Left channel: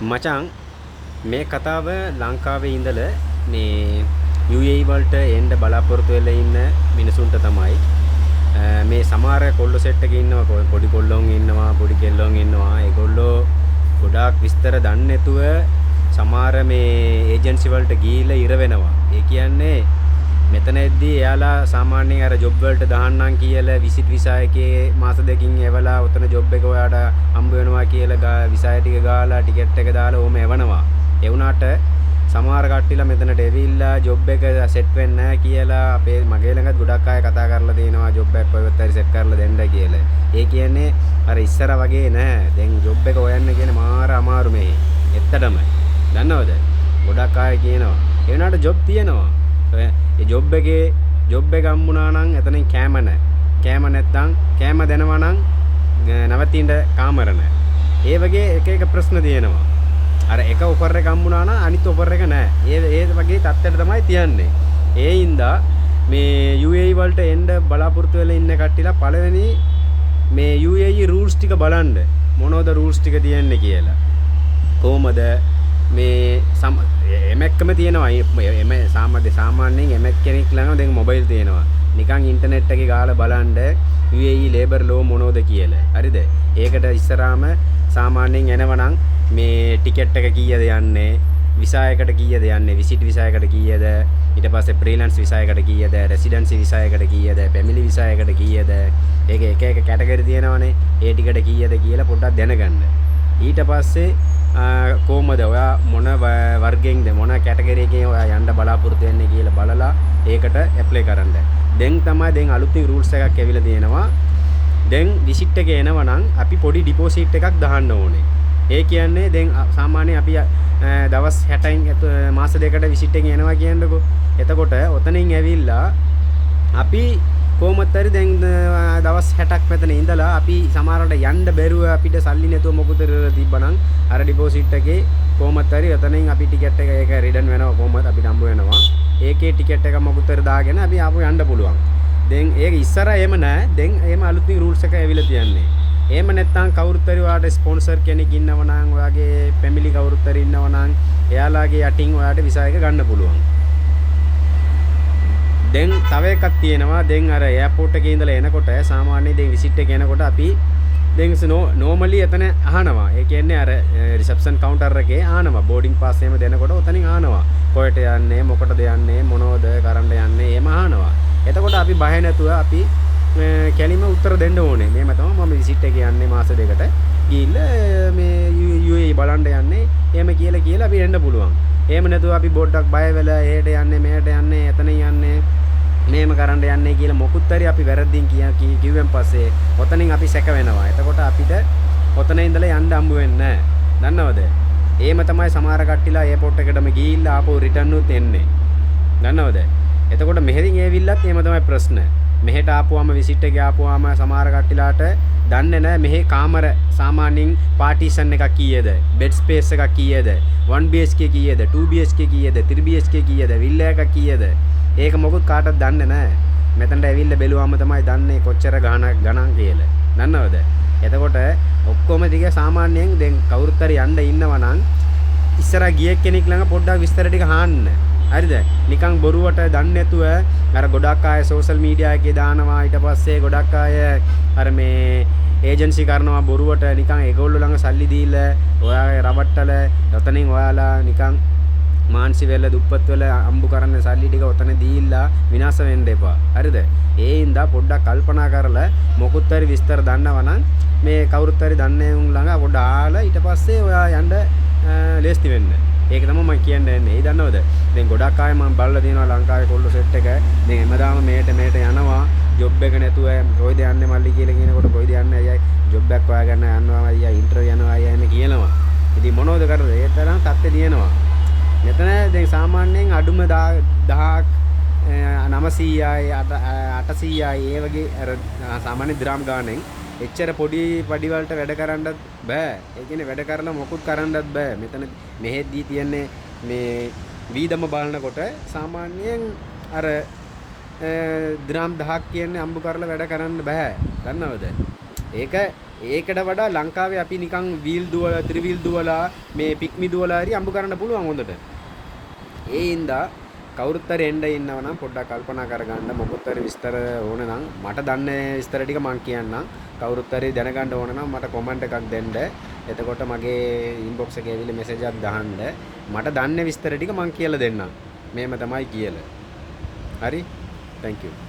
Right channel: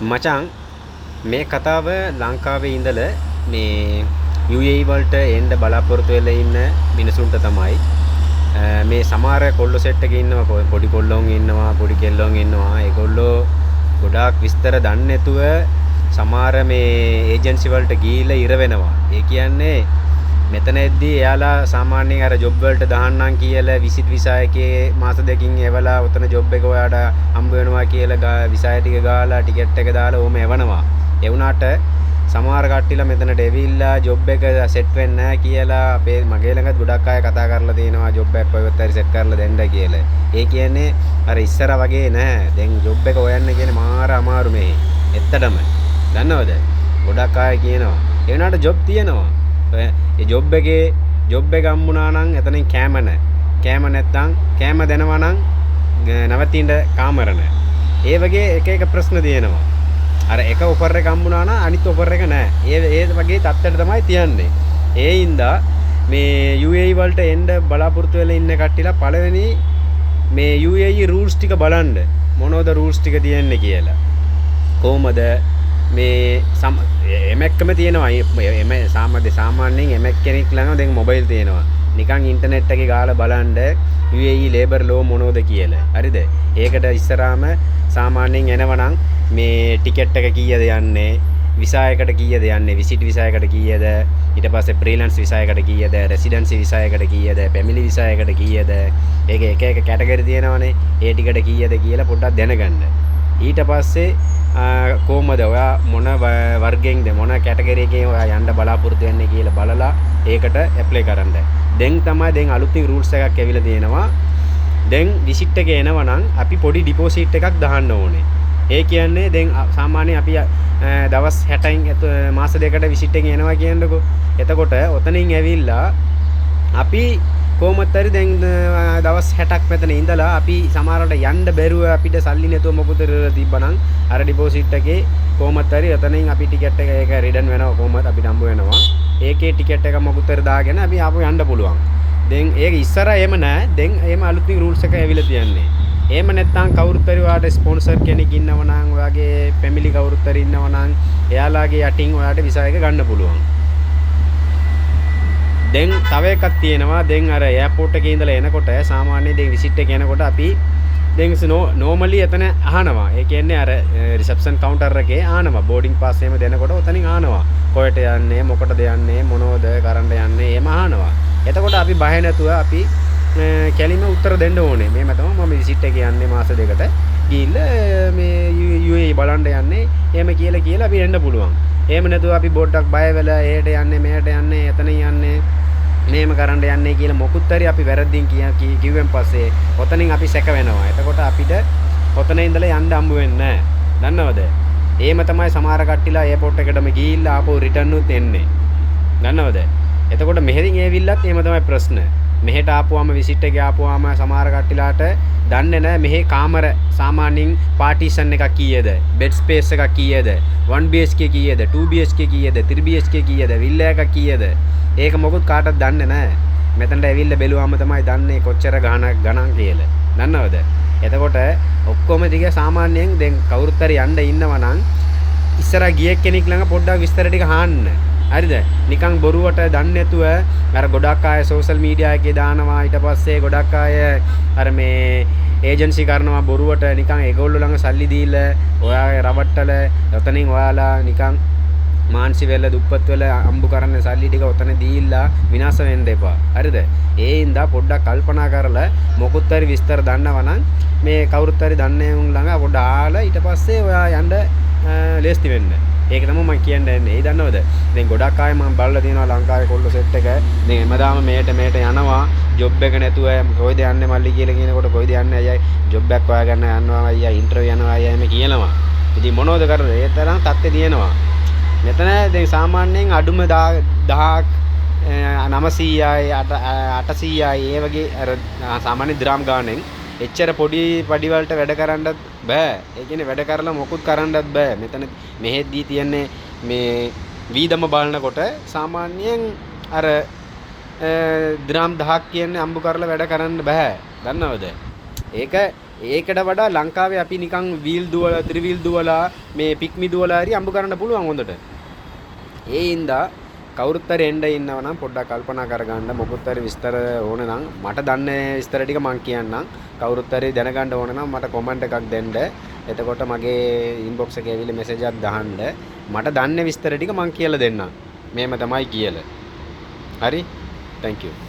මචං මේ කතාව ලංකාවේ ඉඳලා මේ UAE වලට එන්න බලාපොරොත්තු වෙලා ඉන්න මිනිසුන්ට තමයි මේ සමහර කොල්ලෝ සෙට් එකේ ඉන්නවා පොඩි කොල්ලෝන් ඉන්නවා පොඩි කෙල්ලෝන් ඉන්නවා ඒගොල්ලෝ ගොඩාක් විස්තර දන්නේ නැතුව සමහර මේ ඒජන්සි වලට ගිහිල්ලා ඉර වෙනවා. ඒ කියන්නේ මෙතනදී එයාලා සාමාන්‍යයෙන් අර ජොබ් වලට දාන්නම් කියලා විසිට් විසා එකේ මාස දෙකකින් එවලා උතන ජොබ් එක ඔයාට හම්බ වෙනවා කියලා විසා ටික ගාලා ටිකට් එක දාලා ඕම එවනවා. ඒ වුණාට සමහර කට්ටියලා මෙතනට එවිල්ලා ජොබ් එක සෙට් වෙන්නේ නැහැ කියලා අපේ මගේ ළඟත් ගොඩක් අය කතා කරලා තියෙනවා ජොබ් එකක් කොහෙවත් හරි සෙට් කරලා දෙන්න කියලා. ඒ කියන්නේ අර ඉස්සර වගේ නෑ. දැන් ජොබ් එක හොයන්න කියන්නේ මාර අමාරු මේ. ඇත්තටම. දන්නවද? ගොඩක් අය කියනවා. ඒ වුණාට ජොබ් තියෙනවා. ඒ ජොබ් එක හම්බුණා නම් එතනින් කෑම නැහැ. කෑම නැත්තම් කෑම දෙනවා නම් නැවතින්න කාමර නැහැ. ඒ වගේ එක ප්‍රශ්න තියෙනවා. අර එක ඔෆර් එක හම්බුණා නම් අනිත් ඔෆර් එක නැහැ. ඒ වගේ තත්ත්වයට තමයි තියන්නේ. ඒ හින්දා මේ UAE වලට එන්න බලාපොරොත්තු වෙලා ඉන්න කට්ටියලා පළවෙනි මේ UAE රූල්ස් ටික බලන්න. මොනවද රූල්ස් ටික තියෙන්නේ කියලා. කොහමද මේ එමෙක්කම තියෙනවා එම සාමාන්‍යයෙන් එමෙක් කෙනෙක් ළඟ දැන් මොබයිල් තියෙනවා නිකන් ඉන්ටර්නෙට් එකේ ගාලා බලන්න UAE ලේබර් ලෝ මොනවද කියලා හරිද ඒකට ඉස්සරහාම සාමාන්‍යයෙන් එනවනම් මේ ටිකට් එක කීයද යන්නේ විසා එකට කීයද යන්නේ විසිට් විසා එකට කීයද ඊට පස්සේ ෆ්‍රීලන්ස් විසා එකට කීයද රෙසිඩන්සි විසා එකට කීයද ෆැමිලි විසා එකට කීයද ඒක එක කැටගරි තියෙනවනේ ඒ ටිකට කීයද කියලා පොඩ්ඩක් දැනගන්න ඊට පස්සේ කොහමද ඔයා මොන වර්ගයෙන්ද මොන කැටගරි එකේ ඔයා යන්න බලාපොරොත්තු වෙන්නේ කියලා බලලා ඒකට ඇප්ලයි කරන්න. දැන් තමයි දැන් අලුතින් රූල්ස් එකක් ඇවිල්ලා තියෙනවා. දැන් විසිට් එක එනවනම් අපි පොඩි ඩිපොසිට් එකක් දාන්න ඕනේ. ඒ කියන්නේ දැන් සාමාන්‍යයෙන් අපි දවස් 60න් මාස දෙකකට විසිට් එක එනවා කියන්නකෝ. එතකොට ඔතනින් ඇවිල්ලා අපි කොහොමත් හරි දැන් දවස් 60ක් මෙතන ඉඳලා අපි සමහරවිට යන්න බැරුව අපිට සල්ලි නැතුව මොකද තිබ්බනම් අර ඩිපොසිට් එකේ කොහොමත් හරි එතනින් අපි ටිකට් එක ඒක රිටර්න් වෙනවා කොහොමද අපිට හම්බ වෙනවා ඒකේ ටිකට් එක මොකද හරි දාගෙන අපි ආපහු යන්න පුළුවන් දැන් ඒක ඉස්සර එහෙම නැහැ දැන් එහෙම අලුතින් රූල්ස් එක ඇවිල්ලා තියන්නේ එහෙම නැත්නම් කවුරුත් හරි ඔයාට ස්පොන්සර් කෙනෙක් ඉන්නව නම් ඔයාගේ ෆැමිලි කවුරුත් හරි ඉන්නව නම් එයාලාගේ යටින් ඔයාට විසා එක ගන්න පුළුවන් දැන් තව එකක් තියෙනවා දැන් අර එයාපෝට් එකේ ඉඳලා එනකොට සාමාන්‍යයෙන් දැන් විසිට් එක එනකොට අපි දැන් නෝමලි එතන අහනවා ඒ කියන්නේ අර රිසෙප්ෂන් කවුන්ටර් එකේ අහනවා බෝඩින් පාස් එහෙම දෙනකොට ඔතනින් අහනවා කොහෙට යන්නේ මොකටද යන්නේ මොනවද කරන්න යන්නේ එහෙම අහනවා එතකොට අපි බය නැතුව අපි කැලිම උත්තර දෙන්න ඕනේ මේම තමයි මම විසිට් එකේ යන්නේ මාස දෙකට ගිහිල්ලා මේ UAE බලන්න යන්නේ එහෙම කියලා අපි එන්න පුළුවන් එහෙම නැතුව අපි බොඩ්ඩක් බය වෙලා එහෙට යන්නේ මෙහෙට යන්නේ එතන යන්නේ මේම කරන්න යන්නේ කියලා මොකුත් හරි අපි වැරද්දින් කිව්වෙන් පස්සේ ඔතනින් අපි සැක වෙනවා. එතකොට අපිට ඔතන ඉඳලා යන්න හම්බ වෙන්නේ නැහැ. දන්නවද? එහෙම තමයි සමහර කට්ටිලා එයාපෝට් එකටම ගිහිල්ලා ආපහු රිටර්න් උත් එන්නේ. දන්නවද? එතකොට මෙහෙරින් ඇවිල්ලත් එහෙම තමයි ප්‍රශ්න. මෙහෙට ආපුවාම විසිට් එකේ ආපුවාම සමහර කට්ටිලාට දන්නේ නැහැ මෙහි කාමර සාමාන්‍යයෙන් පාටිෂන් එකක් කීයද? බෙඩ් ස්පේස් එකක් කීයද? 1BHK කීයද? 2BHK කීයද? 3BHK කීයද? විල්ලා එකක් කීයද? ඒක මොකුත් කාටවත් දන්නේ නැහැ. මෙතනට ඇවිල්ලා බැලුවාම තමයි දන්නේ කොච්චර ගණන් කියලා. දන්නවද? එතකොට ඔක්කොම ටික සාමාන්‍යයෙන් දැන් කවුරුත් හරි යන්න ඉන්නවා නම් ඉස්සරහ ගිය කෙනෙක් ළඟ පොඩ්ඩක් විස්තර ටික අහන්න. හරිද? නිකන් බොරුවට දන්නේ නැතුව අර ගොඩක් අය සෝෂල් මීඩියා එකේ දානවා ඊට පස්සේ ගොඩක් අය අර මේ ඒජන්සි කරනවා බොරුවට නිකන් ඒගොල්ලෝ ළඟ සල්ලි දීලා ඔයාගේ රවට්ටල ඔතනින් ඔයාලා නිකන් මාන්සි වෙලා දුප්පත් වෙලා අම්බු කරන්න සල්ලි ටික ඔතන දීලා විනාශ වෙන්න එපා. හරිද? ඒ හින්දා පොඩ්ඩක් කල්පනා කරලා මොකුත් හරි විස්තර දන්නවනම් මේ කවුරුත් හරි දන්නේ උන් ළඟ පොඩ්ඩ ආලා ඊට පස්සේ ඔයා යන්න ලේස්ති වෙන්න. ඒක තමයි මම කියන්නේ. ඒ දන්නවද? දැන් ගොඩක් අය මම බලලා තියෙනවා ලංකාවේ කොල්ලෝ සෙට් එක. දැන් හැමදාම මේට යනවා. ජොබ් එක නැතුව කොයිද යන්නේ මල්ලි කියලා කියනකොට කොයිද යන්නේ අයියා ජොබ් එකක් හොයාගන්න යනවා අයියා ඉන්ටර්විව් යනවා අයියා එහෙම කියනවා. ඉතින් මොනවද කරන්නේ? ඒ තරම් තත්ත්වය තියෙනවා. මෙතන දැන් සාමාන්‍යයෙන් අඩුම 1000ක් 900යි 800යි ඒ වගේ අර සාමාන්‍ය දිරාම් ගානෙන් එච්චර පොඩි පඩි වලට වැඩ කරන්නත් බෑ. ඒ කියන්නේ වැඩ කරලා මොකුත් කරන්නත් බෑ. මෙතන මෙහෙද්දී තියන්නේ මේ වීදම බලනකොට සාමාන්‍යයෙන් අර දිරාම් 1000ක් කියන්නේ අම්බු කරලා වැඩ කරන්න බෑ. දන්නවද? ඒක ඒකට වඩා ලංකාවේ අපි නිකන් වීල් දුවලා ත්‍රිවීල් දුවලා මේ පික්මි දුවලා හරි අඹ කරන්න පුළුවන් හොඳට. ඒ හින්දා කවුරුත් හරි එන්න ඉන්නවා නම් පොඩ්ඩක් කල්පනා කරගන්න. මොකොත් හරි විස්තර ඕන නම් මට දන්නේ විස්තර ටික මං කියන්නම්. කවුරුත් හරි දැනගන්න ඕන නම් මට කමෙන්ට් එකක් දෙන්න. එතකොට මගේ ඉන්බොක්ස් එකේ ඇවිල්ලා මෙසේජ් එකක් දාන්න. මට දන්නේ විස්තර ටික මං කියලා දෙන්නම්. මේම තමයි කියලා. හරි? thank you.